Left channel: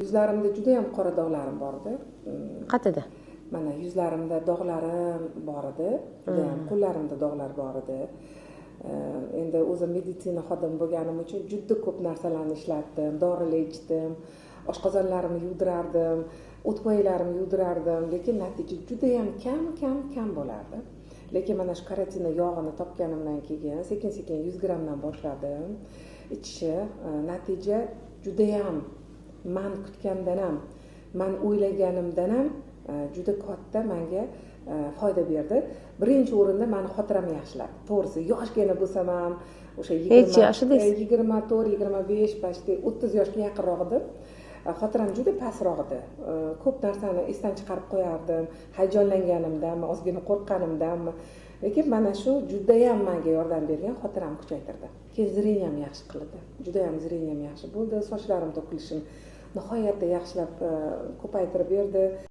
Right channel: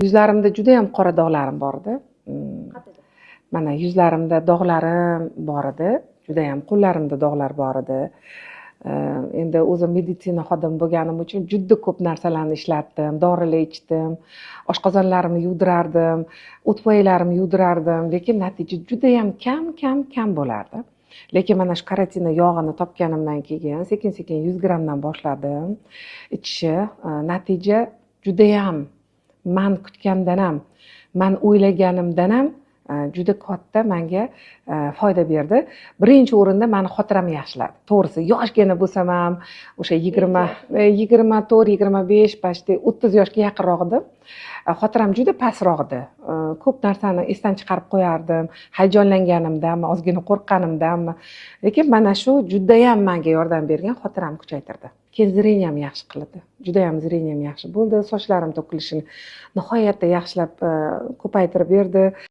Yuzlarimda juda ham qora dog'larim bor edi. Qayerda? Mana yuzlarimda dog'larim bor edi. Juda ham qo'llarimda dog'lar bor edi. Endi o'zim meditsina xodimi bo'lganim uchun juda ko'p narsalarni ishlatdim, dorilar ichdim, oshqozonlarimni yuvdirardim, o'tpoylarimni yuvdirardim, lekin natija juda ham kam bo'lardi. Lekin mana shu karotina yog'ini topganimdan keyin sekin-sekin 100 grammdan boshladim ichishni. Natija juda ham man kutgandan ham, man o'ylaganimdan ham juda katta menga foyda berdi. Birinchi o'rinda meni xotiram yaxshiladi. To'g'risi, yoshgina bo'lsam ham, o'sha 24, 25, почти 30 yoshga yaqinroq edim. Xotiram juda pastroq edi. Ko'p narsani esdan chiqarib qo'yardim, hayajonlanganimdanmi, ozgina qo'rqqanimdanmi. Lekin mana shu juda ham menga yordam bergan, xotiramni kuchaytirdi. Keyin zreniyam yaxshi qildi. Juda ham zreniyam yaxshi bo'ldi. Sochlarim to'kilishini nihoyatda yaxshilab ko'paytirib berdi.